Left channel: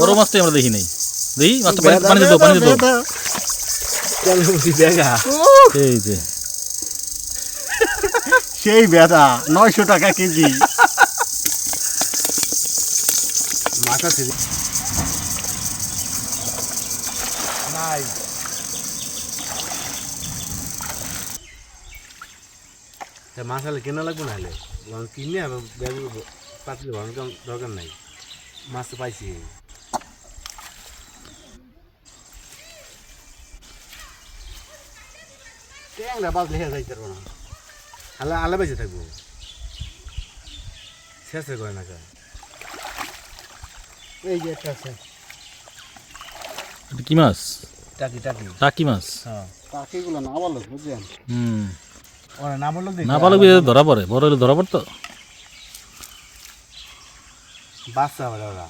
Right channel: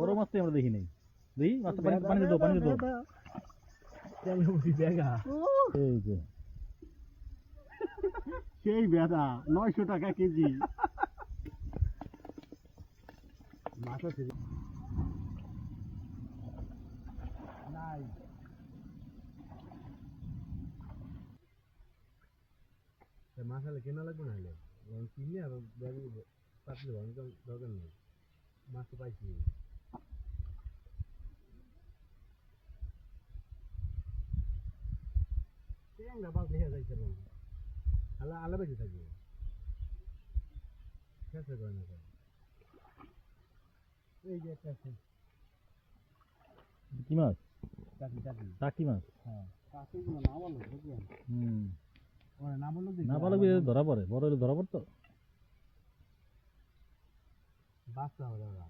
বড় মাছটাই আমরা দেখি নাই। দেখি মাছটা পানিতে দাও, পানিতে দাও। এই যে সেই বেদা 900 টাকা কেজি। মাথা ছিল নাই মাছ হলে কেনা লাগবে না হলে কিনে আর ব্যাগ পাতলে ভাঙার দরকার নাই। মাছ তো পাইছি ট্যাংরা বাজলে হেরে যাইতে পারবো না। আলা আলা বেঁচে থাকবো শেষ করে না কা। এই যে একটা আছে এটা কি মাছ? টাকি টাকি টাকি মাছ। হ্যাঁ টাকিগুলো না বলো বুঝলেন। ওরা না বললো না পালক ধরা পড়ে, বড় হলে ধরা পড়তো। বাচ্চা ওরা ওরা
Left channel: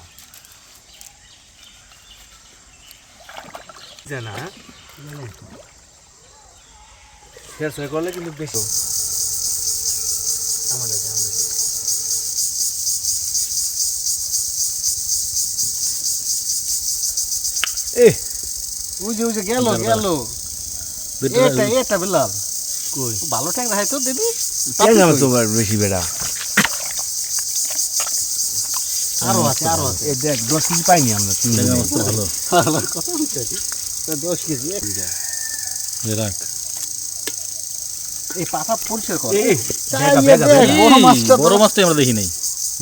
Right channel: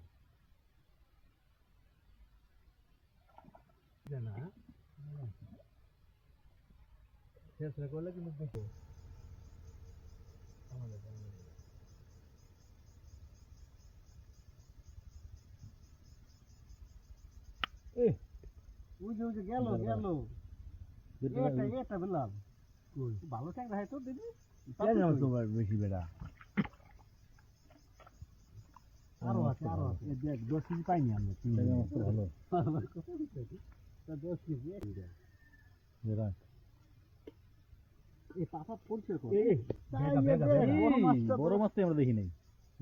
জানা শেষ হয়ে করলে কিন্তু বেশি আমাদের উজে গেল গেল। এটা বিলাল কই ভালো ট্যাংরা হয় তো দেবি। ট্যাংরা তোমার বেশি বেড়া আরো আছে এই দেখ 10 কেজি পাইনি আমরা। ট্যাংরা মাছ তো ভালো। কত হচ্ছে 10 কেজি। রাখ। এই পাতা পরিষ্কার কর। এই বেগা বড় মাছটাই আমরা দেখি নাই।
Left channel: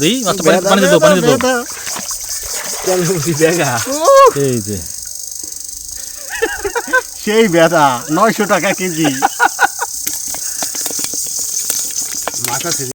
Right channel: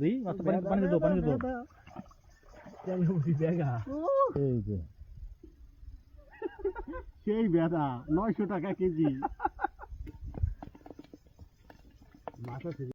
দেখি মাছটা পানিতে দাও, পানিতে দাও। বেগা এই যে সেই বেদা 900 টাকা কেজি। মাথা